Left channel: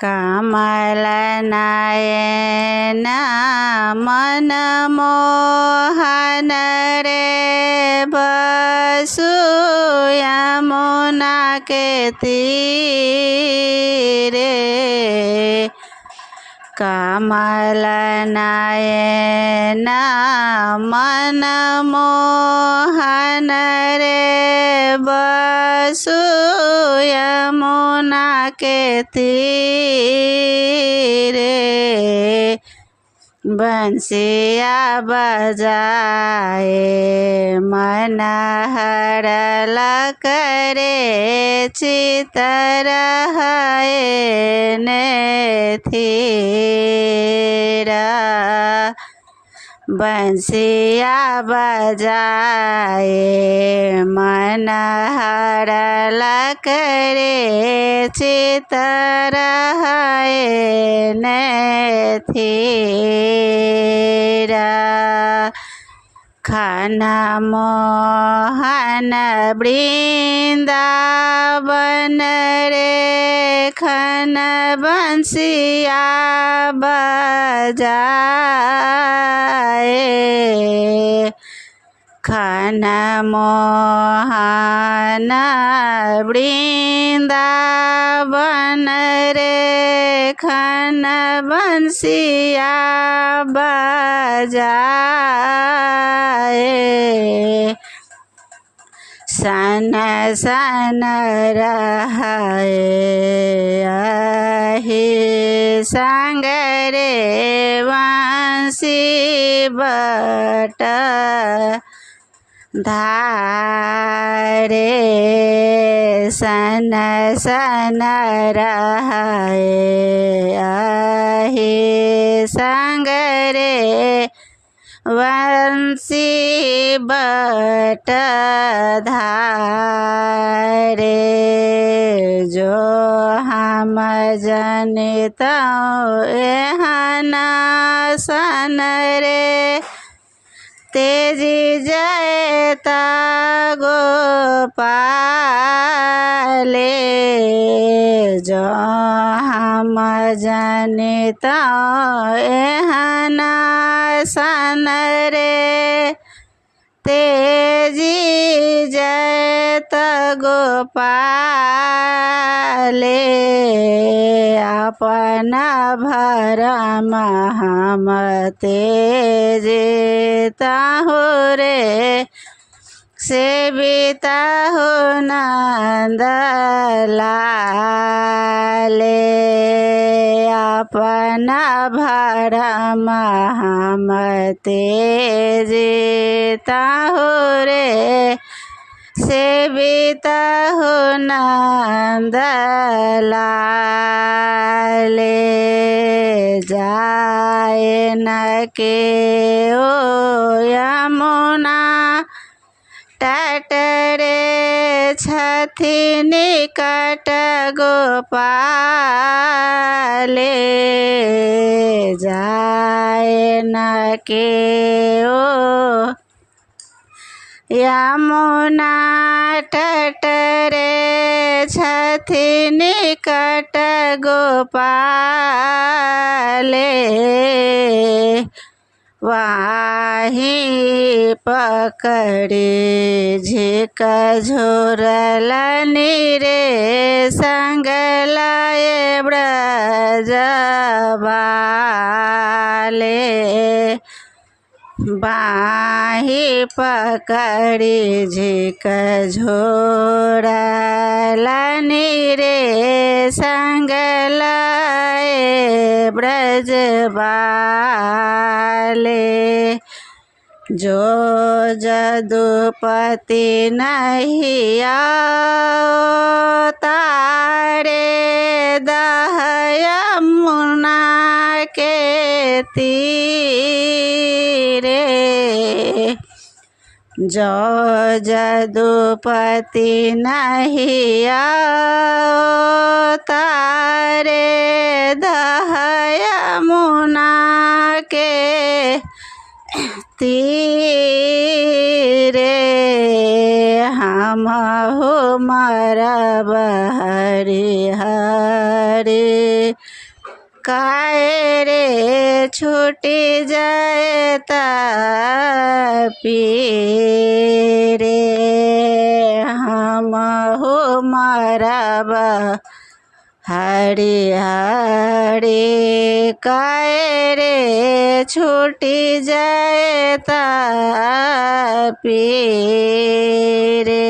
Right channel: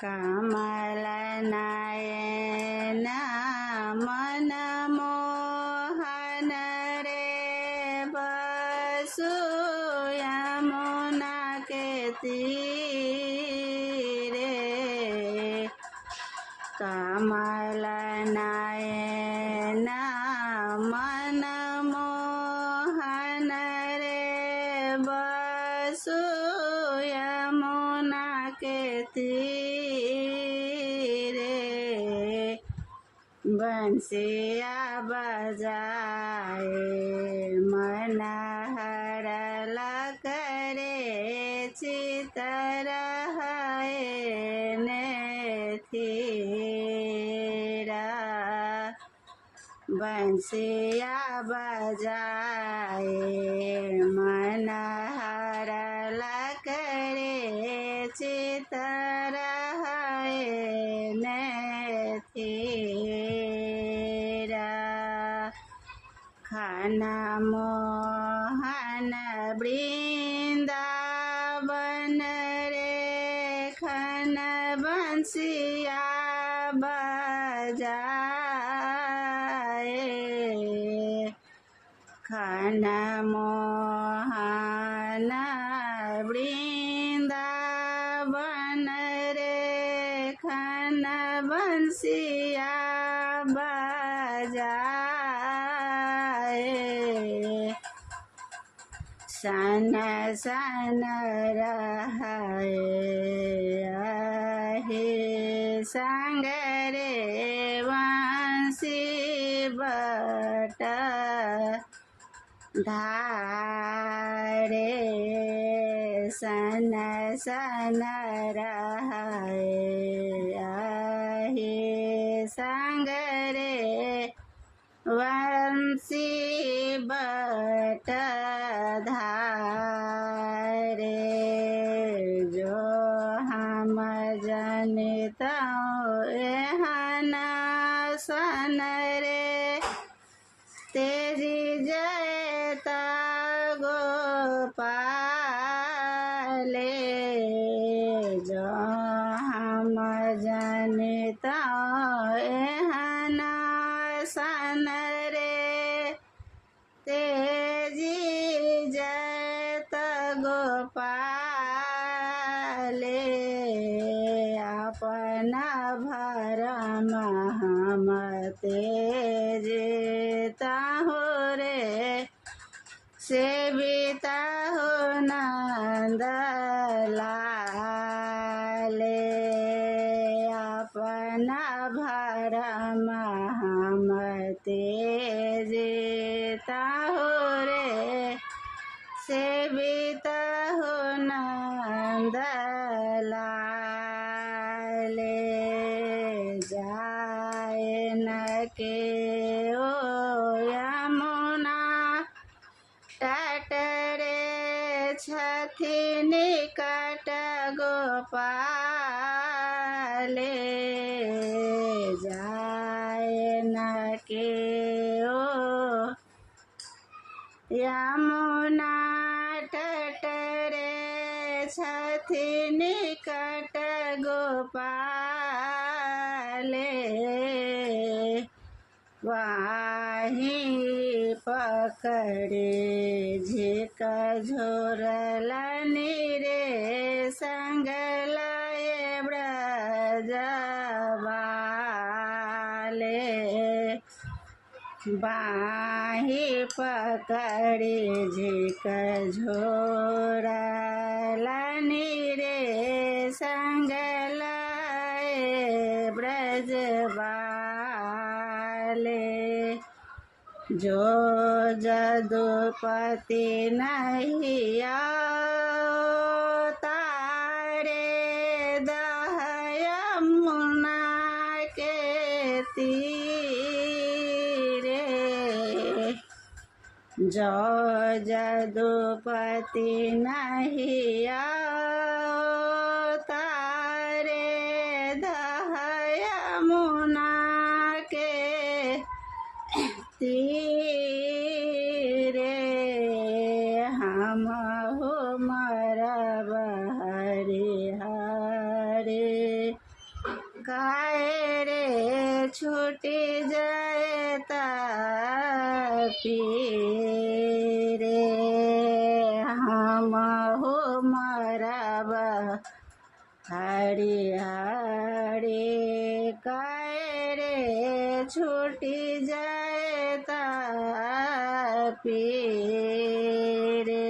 कमल नयन मन मोहन रे बसु यमुना के तीरे। कमल नयन मन मोहन रे बसु यमुना के तीरे। बंसिया बजाए मन हरल करे चितर है नेथिरा। बंसिया बजाए मन हरल करे चितर है नेथिरा। खन मोहन वृंदावन रे खन बंसिया बजाए। खन मोहन वृंदावन रे खन बंसिया बजाए। सन सन रहे अहि संग रे बंसी बट धारे। सन सन रहे अहि संग रे बंसी बट धारे। जो हम जनित एहन सन रे तेजी जयता गोपाले। जो हम जनित एहन सन रे तेजी जयत गोपाले। अपन भरम हम तेजता हो रे सेविता हो नंद लाले। अपन भरम हम तेजता हो रे सेविता हो नंद लाले। जाए न के ओ यमुना तट रे छथि निकट गोपाले। जाए न के ओ यमुना तट रे छथि निकट गोपाले। वाही पकड़े झिक झोरल नीरे संग लाए ब्रजबाले। बाही पकड़ी झिक झोरल नीरे संग लाए ब्रजबाले। जो जदुपति नहीं आओ तारे दह यमुना के तीरे। जो जदुपति नहीं आओ तारे दह यमुना के तीरे। हम हो मरब हरि हरि काहे रे छूटी जाए तापी रे हमहु मरब हरी हरी काहे रे छूटी जाए तापी रे।